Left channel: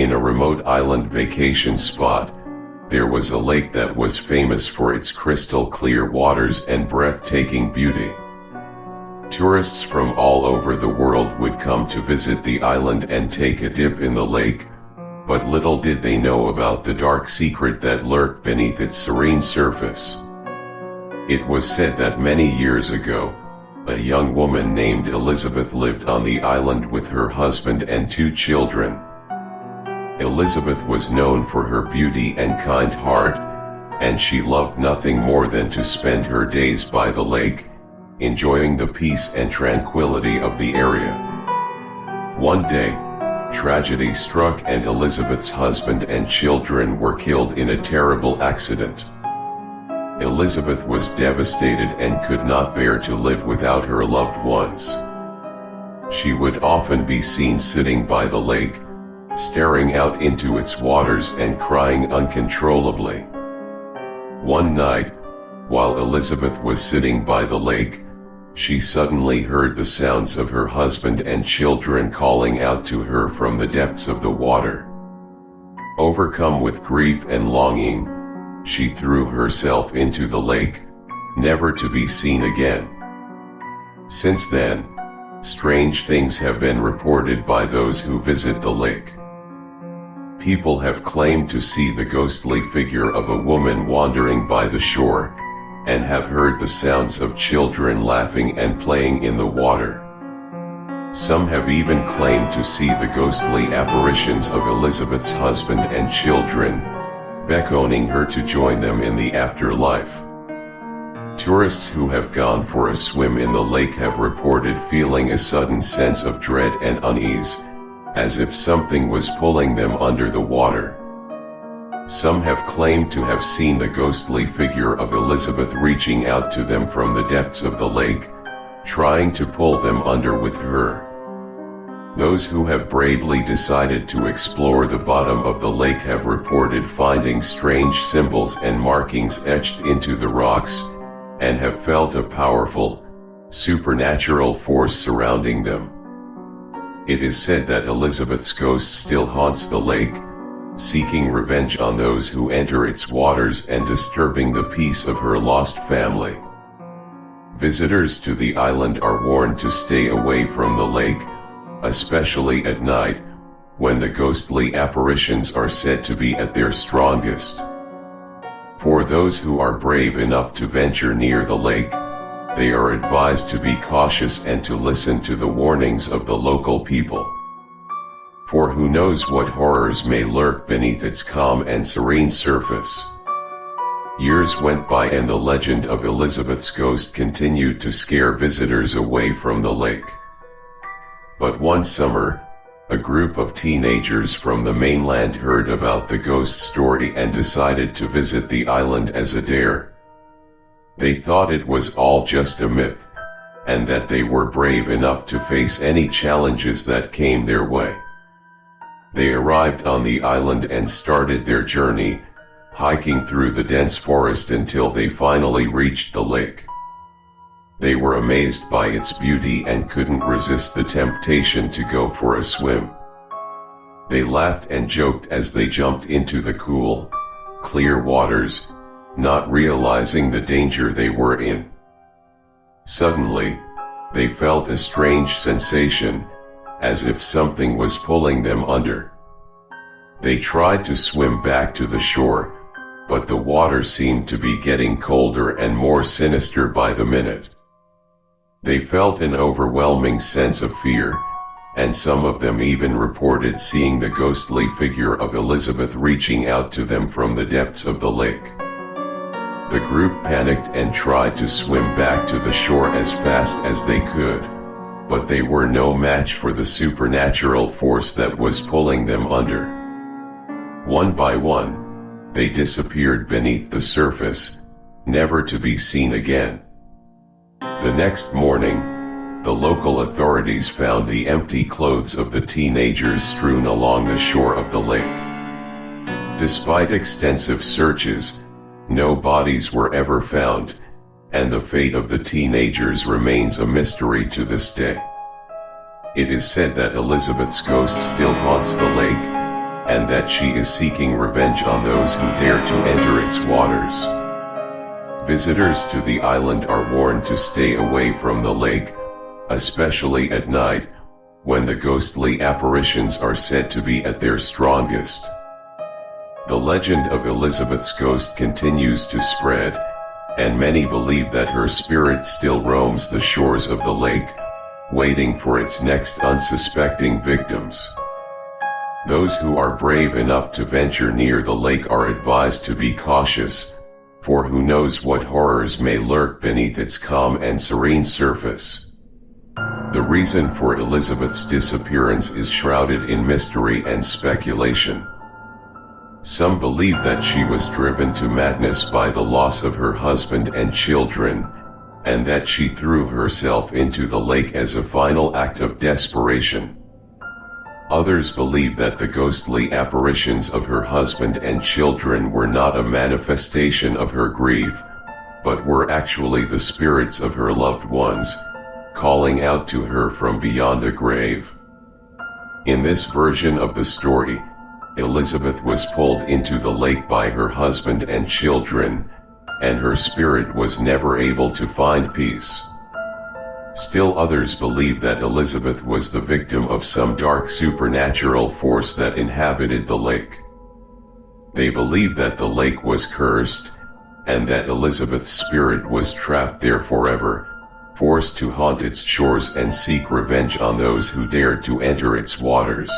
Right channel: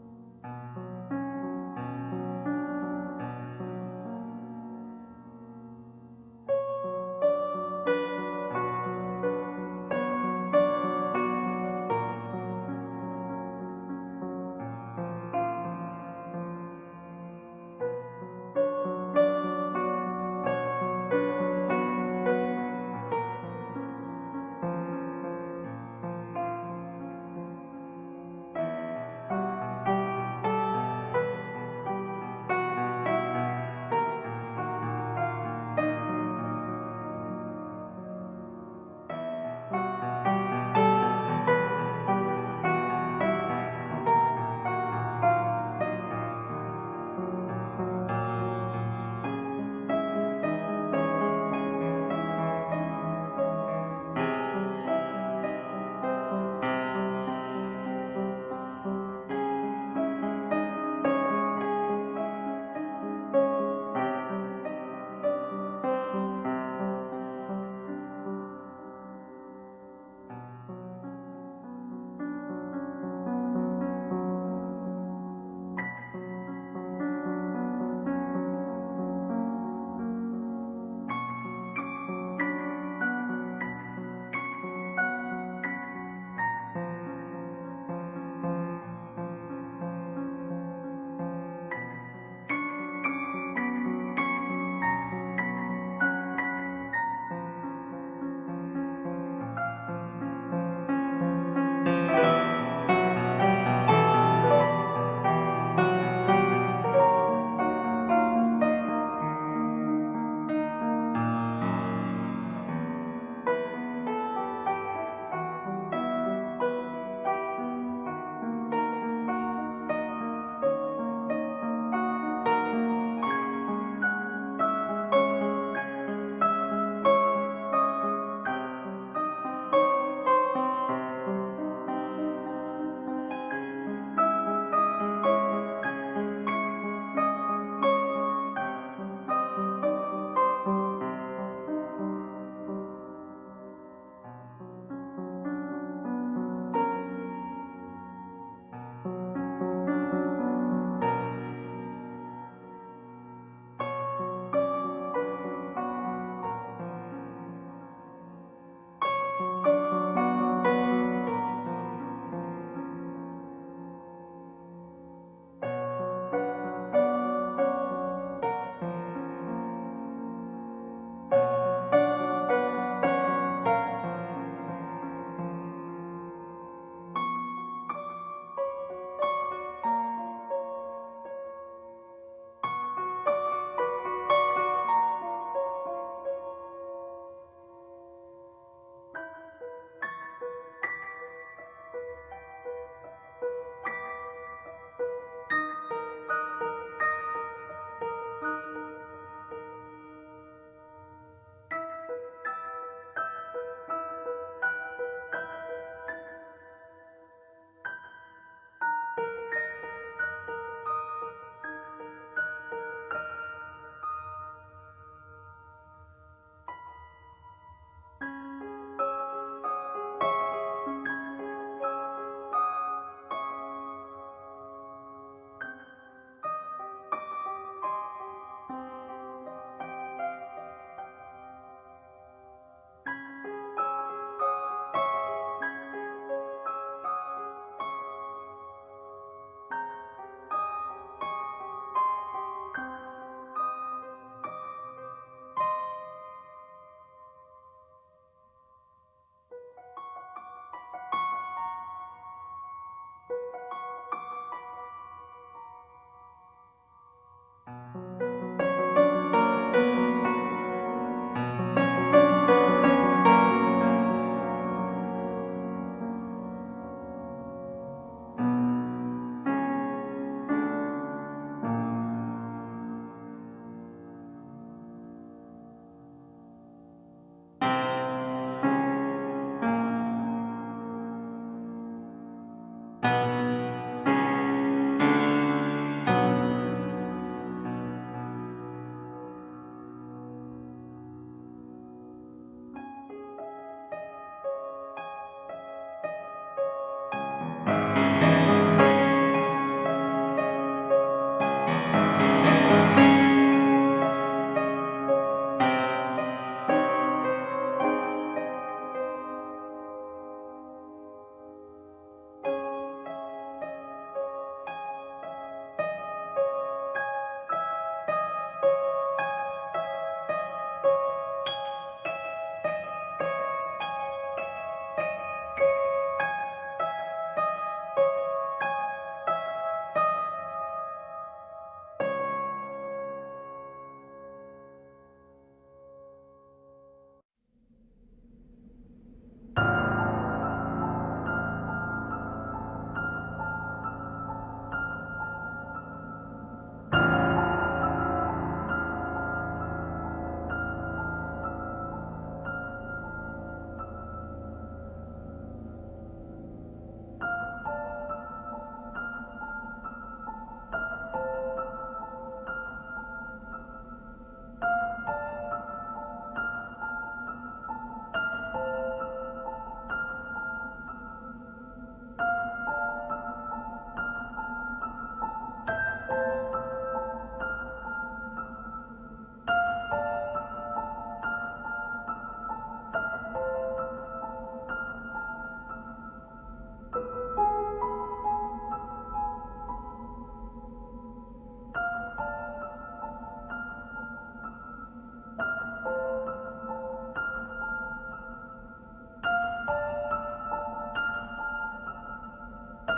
in a remote island vacation spot, there was a lake that was famous for its crystal clear waters and breathtaking beauty. Tourists from all over the world would come to visit the island and take a dip in the lake, but little did they know about the dark secret that lurked beneath its serene surface. It was said that many years ago, a young woman named Elizabeth lived on the island with her husband and 2 children. Elizabeth was known for her beauty and kind heart, and she loved nothing more than to spend her days by the lake, enjoying the peace and tranquility of the area. One day, tragedy struck and Elizabeth's husband and children were killed in a terrible accident. Elizabeth was devastated and could not bear to live without her loved ones. She would often be seen sitting by the lake, staring out into its waters and crying uncontrollably. One night, while Elizabeth was sitting by the lake, she suddenly heard the sounds of her husband and children calling out to her from the depths of the water. Overcome with grief and longing, she threw herself into the lake, never to be seen again. Since then, strange things have been reported by those who visit the lake. People have claimed to see the ghostly figure of a woman wandering by the shore, and have heard the sounds of children laughing and playing in the water. Some have even claimed to see the ghostly apparitions of Elizabeth's husband and children, beckoning her to join them in the afterlife. Tourists who have gone for a swim in the lake have reported feeling a sudden sense of dread and unease, as if something was pulling them under the water. Some have claimed to have seen the ghostly figure of Elizabeth reaching out to them from the depths of the lake, trying to pull them under with her. Those who have bravely decided to explore the bottom of the lake have reported finding strange symbols and markings etched into the rocks, and have felt a powerful, supernatural force surrounding them. It is said that Elizabeth's ghost still haunts the lake, seeking revenge on those who enter its waters and disturbing the peace of her lost family. Visitors to the island are warned to stay away from the lake, especially at night, when the ghostly apparitions are said to be at their strongest. For those who are brave enough to venture near the lake, they are advised to be cautious and to listen to the warnings of the local people. For who knows what horrors may lurk beneath its calm and serene surface. Years went by and the legend of Elizabeth's ghost continued to scare visitors away from the lake. But one summer, a group of teenagers from the mainland heard about the ghost story and decided to visit the island as a dare. They thought it was all just a myth, and that they were brave enough to face any challenges that came their way. They arrived on the island and started their journey, hiking through the dense forest until they finally reached the lake. They were amazed by its beauty and couldn't resist the temptation to go for a swim. They laughed and joked as they jumped into the cool, clear waters, not realizing the danger they were in. Suddenly, they felt a strange sensation, as if something was pulling them under. They tried to swim back to the shore, but the water seemed to be getting colder and more sinister by the minute. They felt an overwhelming sense of fear, and some of them even reported seeing the ghostly figure of Elizabeth reaching out to them from the depths of the lake. The group panicked and tried to swim back to the shore as fast as they could, but they were no match for the supernatural force that was pulling them under. One by one, they disappeared beneath the surface, never to be seen again. The next morning, the local authorities found the empty clothes of the teenagers strewn along the shore of the lake. Despite extensive searches, no bodies were ever found, and the fate of the teenagers remains a mystery to this day. It is said that Elizabeth's ghost still haunts the lake, and that she is seeking revenge on those who dare to enter its waters. Visitors to the island are warned to stay away from the lake, especially at night, when the ghostly apparitions are said to be at their strongest. The legend of Elizabeth's ghost continues to spread, and many believe that her spirit still roams the shores of the lake, waiting for its next unsuspecting victims. Those who are brave enough to venture near the lake are advised to be cautious, for who knows what horrors may lurk beneath its calm and serene surface. The reason for Elizabeth's disappearance is shrouded in mystery and speculation. Some believe that she was driven to madness by the loss of her husband and children, and that she threw herself into the lake as a final act of desperation. Others believe that the ghostly apparitions of her husband and children were not a manifestation of her grief, but were actually the spirits of her loved ones, calling out to her from beyond the grave. In this version of the story, Elizabeth was pulled into the lake by her husband and children, and her spirit was never able to find peace. Still others believe that Elizabeth was the victim of some dark supernatural force that inhabited the lake. They believe that the lake was cursed, and that Elizabeth's spirit was trapped there forever, forced to haunt its shores and seek revenge on those who dared to enter its waters.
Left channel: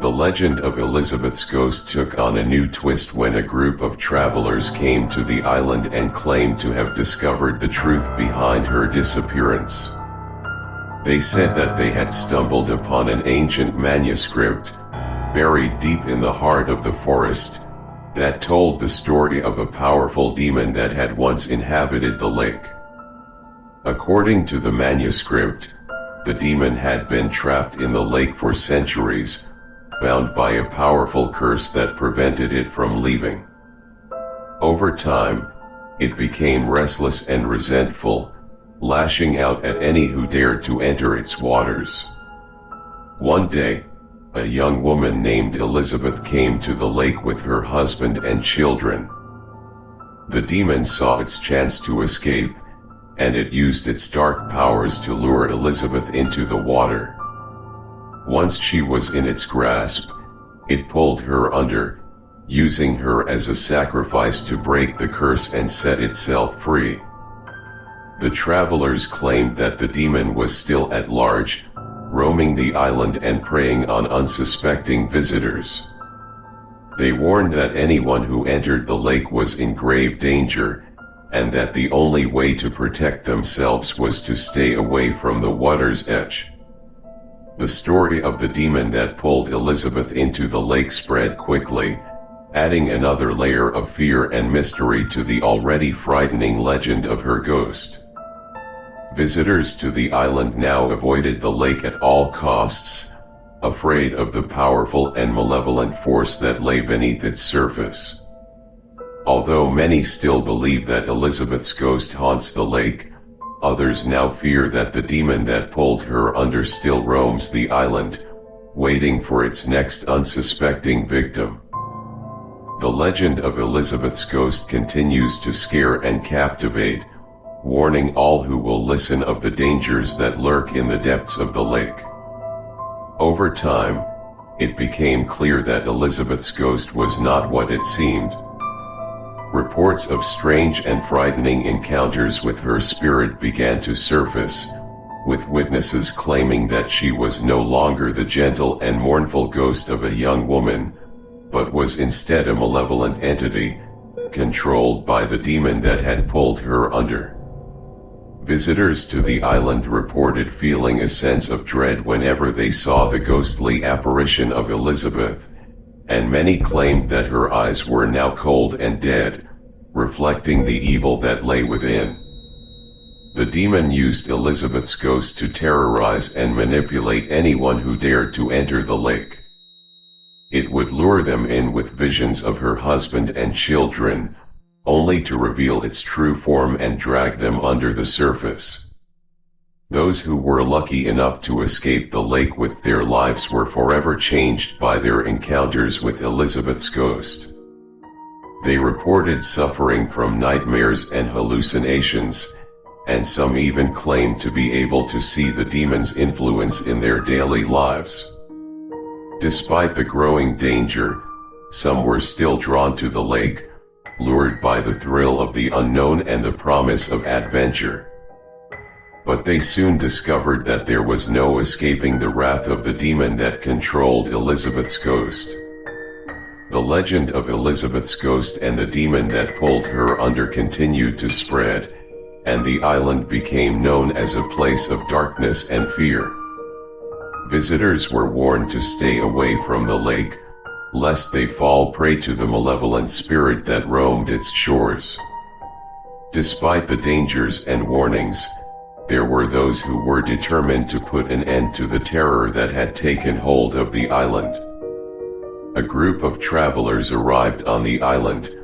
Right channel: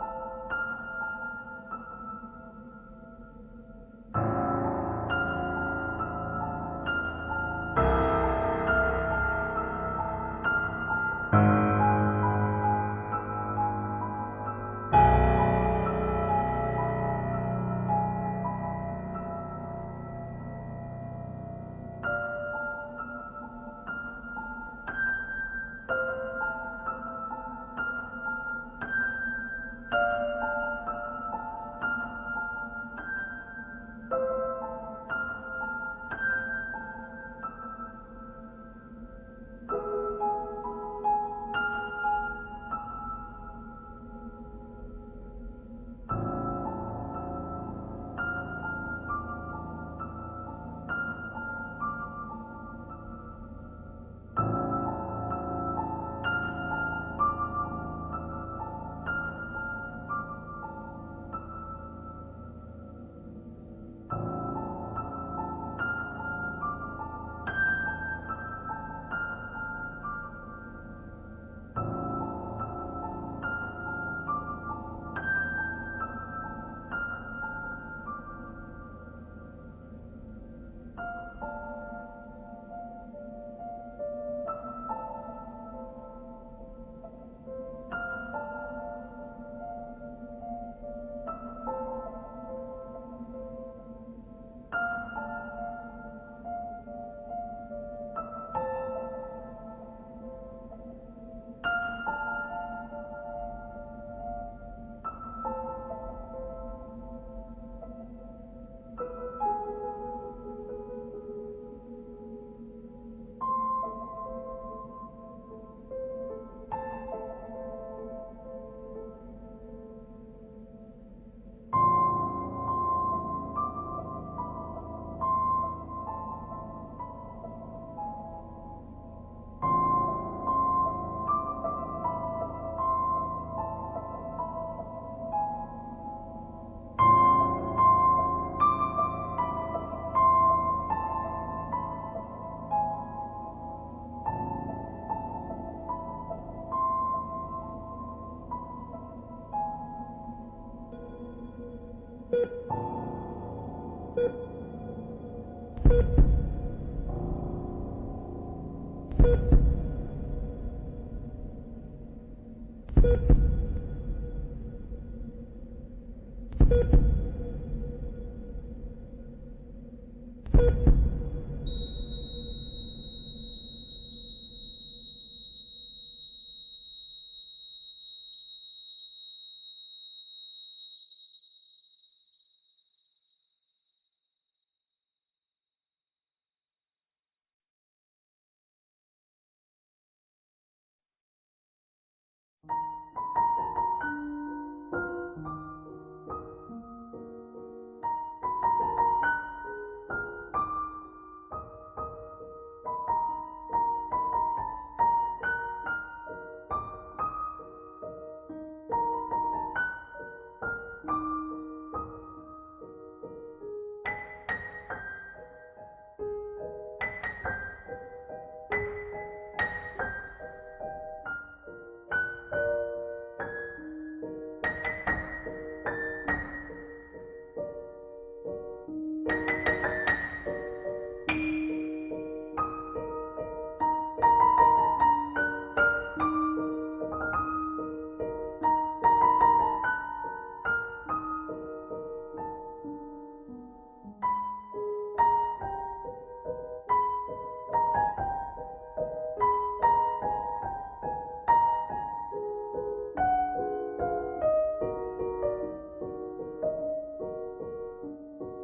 The legend of Elizabeth's ghost took on a new twist when a group of travelers came to the island and claimed to have discovered the truth behind her disappearance. They said that they had stumbled upon an ancient manuscript, buried deep in the heart of the forest, that told the story of a powerful demon that had once inhabited the lake. According to the manuscript, the demon had been trapped in the lake for centuries, bound by a powerful curse that prevented it from leaving. Over time, it became restless and resentful, lashing out at any who dared to enter its waters. One day, a young woman named Elizabeth came to the lake with her husband and children. The demon saw its chance to escape, and it used its dark powers to lure Elizabeth into the water. Once she was in its grasp, it pulled her under, using her as a sacrifice to break the curse and set itself free. The travelers claimed that the demon was still at large, roaming the island and preying on unsuspecting visitors. They warned that anyone who entered the lake was in grave danger, and that the only way to protect themselves was to stay away from the water's edge. The story of the demon that pulled Elizabeth into the lake spread quickly, adding another layer of fear and mystery to the already frightening legend of her ghost. Visitors to the island now avoided the lake at all costs, afraid of the powerful and malevolent force that lay beneath its surface. Although many still believe that Elizabeth's ghost haunts the lake, others now fear that the demon that pulled her under still roams the island, waiting for its next unsuspecting victim. The legend of Elizabeth's ghost continues to scare and captivate, warning all who will listen of the dangers that lurk in the depths of the lake. Over time, it became clear that Elizabeth's ghost was not what it seemed. Reports of strange and frightening encounters with her spirit began to surface, with witnesses claiming that she was no longer the gentle and mournful ghost of a young woman, but was instead a malevolent entity, controlled by the demon that had pulled her under. Visitors to the island reported feeling a sense of dread whenever they saw the ghostly apparition of Elizabeth, and many claimed that her eyes were now cold and dead, reflecting the evil that lay within. The demon used Elizabeth's ghost to terrorize and manipulate anyone who dared to enter the lake. It would lure them in with visions of her husband and children, only to reveal its true form and drag them under the surface. Those who were lucky enough to escape the lake with their lives were forever changed by their encounters with Elizabeth's ghost. They reported suffering from nightmares and hallucinations, and some even claimed to be able to see the demon's influence in their daily lives. Despite the growing danger, some were still drawn to the lake, lured by the thrill of the unknown and the promise of adventure. But they soon discovered that there was no escaping the wrath of the demon that controlled Elizabeth's ghost. The legend of Elizabeth's ghost and the demon that pulled her under continued to spread, and the island became known as a place of darkness and fear. Visitors were warned to stay away from the lake, lest they fall prey to the malevolent spirit that roamed its shores. Despite the dangers and warnings, there were those who were determined to put an end to the terror that had taken hold of the island. A group of travelers arrived on the island,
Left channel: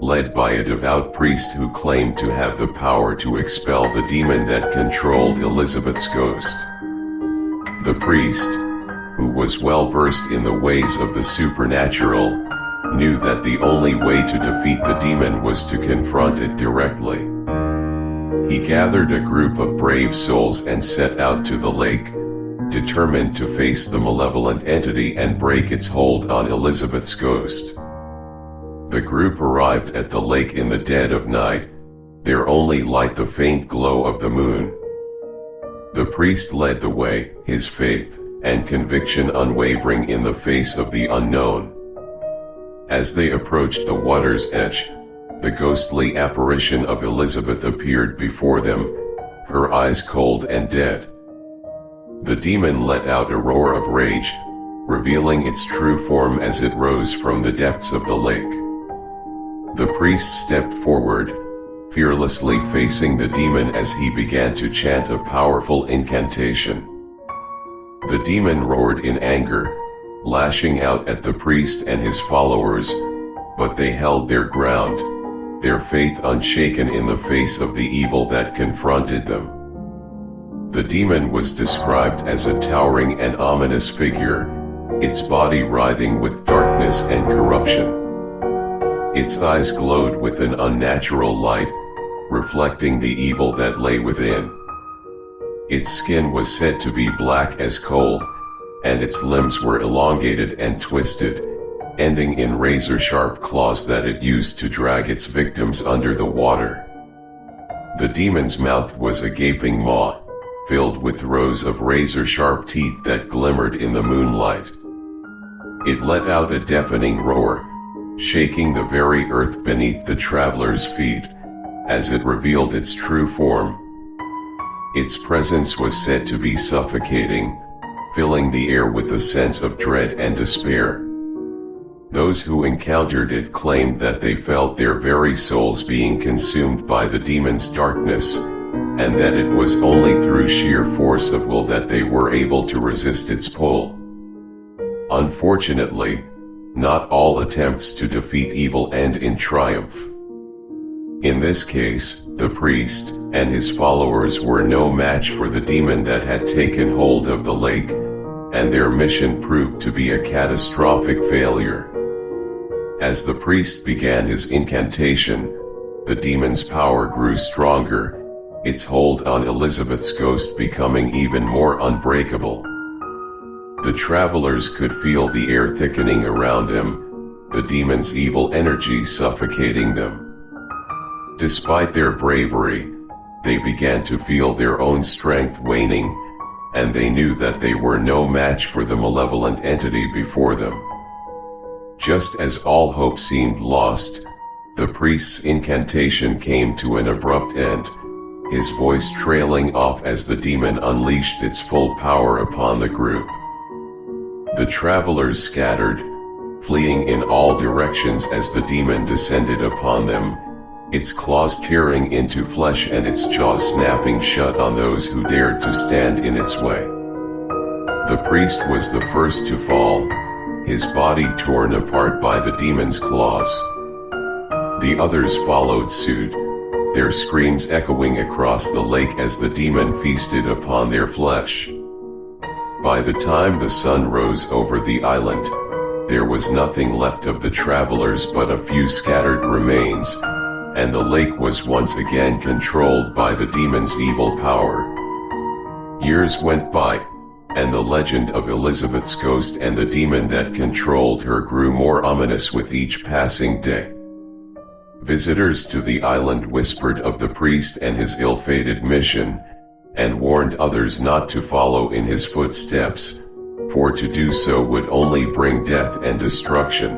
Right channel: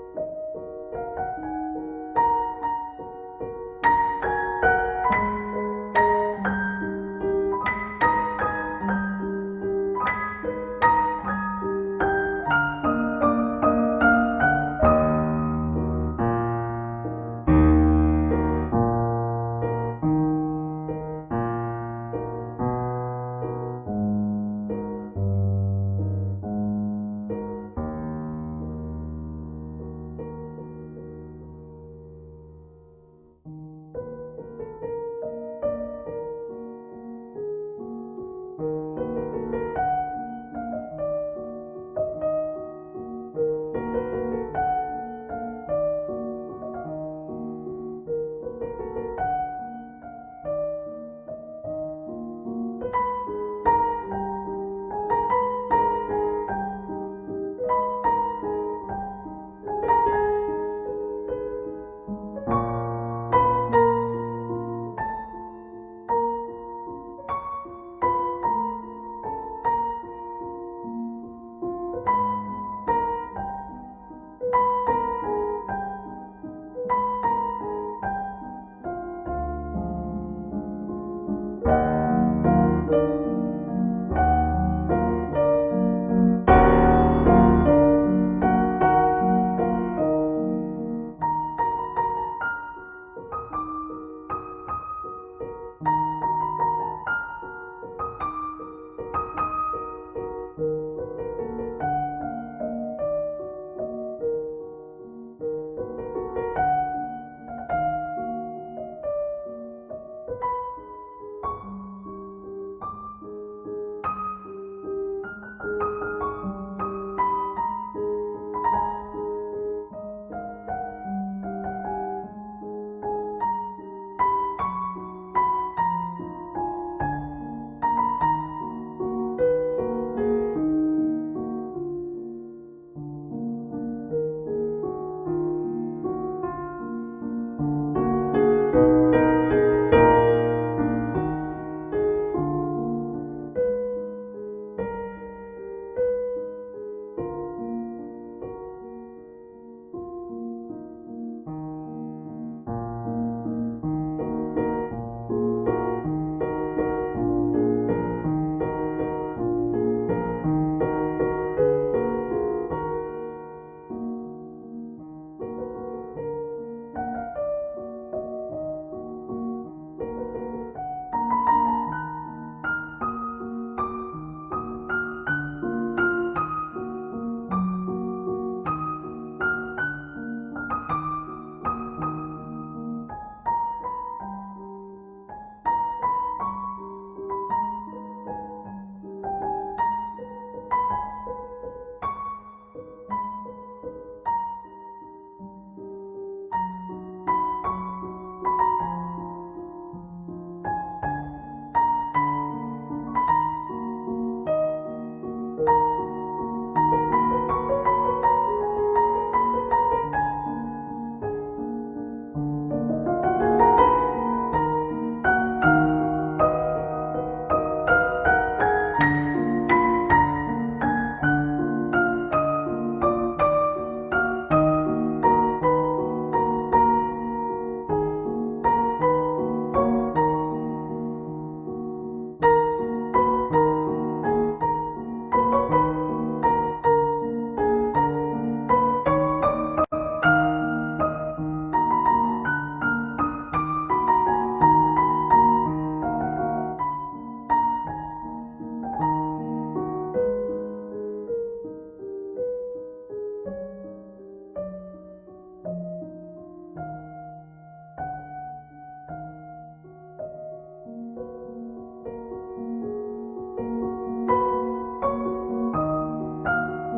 led by a devout priest who claimed to have the power to expel the demon that controlled Elizabeth's ghost. The priest, who was well versed in the ways of the supernatural, knew that the only way to defeat the demon was to confront it directly. He gathered a group of brave souls and set out to the lake, determined to face the malevolent entity and break its hold on Elizabeth's ghost. The group arrived at the lake in the dead of night, their only light the faint glow of the moon. The priest led the way, his faith and conviction unwavering in the face of the unknown. As they approached the water's edge, the ghostly apparition of Elizabeth appeared before them, her eyes cold and dead. The demon let out a roar of rage, revealing its true form as it rose from the depths of the lake. The priest stepped forward, fearlessly facing the demon as he began to chant a powerful incantation. The demon roared in anger, lashing out at the priest and his followers, but they held their ground, their faith unshaken in the face of the evil that confronted them. The demon was described as a towering and ominous figure, its body writhing with darkness and corruption. Its eyes glowed with an unnatural light, reflecting the evil that lay within. Its skin was said to be black as coal, and its limbs were elongated and twisted, ending in razor-sharp claws that it used to drag its victims under the water. The demon's mouth was a gaping maw, filled with rows of razor-sharp teeth that glimmered in the moonlight. It let out a deafening roar, shaking the very earth beneath the traveler's feet, as it revealed its true form. Its presence was said to be suffocating, filling the air with a sense of dread and despair. Those who encountered it claimed that they felt their very souls being consumed by the demon's darkness, and that it was only through sheer force of will that they were able to resist its pull. Unfortunately, not all attempts to defeat evil end in triumph. In this case, the priest and his followers were no match for the demon that had taken hold of the lake, and their mission proved to be a catastrophic failure. As the priest began his incantation, the demon's power grew stronger, its hold on Elizabeth's ghost becoming even more unbreakable. The travelers could feel the air thickening around them, the demon's evil energy suffocating them. Despite their bravery, they began to feel their own strength waning, and they knew that they were no match for the malevolent entity before them. Just as all hope seemed lost, the priest's incantation came to an abrupt end, his voice trailing off as the demon unleashed its full power upon the group. The travelers scattered, fleeing in all directions as the demon descended upon them, its claws tearing into flesh and its jaws snapping shut on those who dared to stand in its way. The priest was the first to fall, his body torn apart by the demon's claws. The others followed suit, their screams echoing across the lake as the demon feasted upon their flesh. By the time the sun rose over the island, there was nothing left of the travelers but a few scattered remains, and the lake was once again controlled by the demon's evil power. Years went by, and the legend of Elizabeth's ghost and the demon that controlled her grew more ominous with each passing day. Visitors to the island whispered of the priest and his ill-fated mission, and warned others not to follow in his footsteps, for to do so would only bring death and destruction.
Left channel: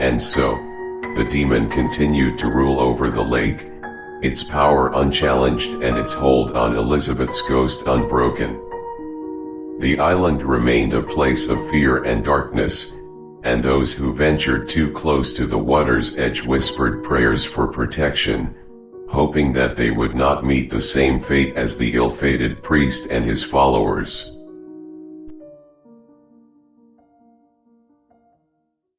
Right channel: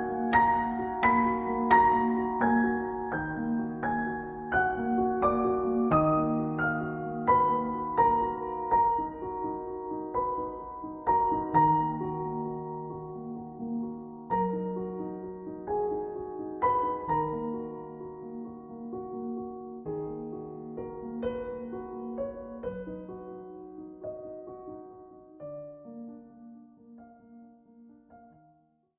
And so, the demon continued to rule over the lake, its power unchallenged and its hold on Elizabeth's ghost unbroken. The island remained a place of fear and darkness, and those who ventured too close to the water's edge whispered prayers for protection, hoping that they would not meet the same fate as the ill-fated priest and his followers.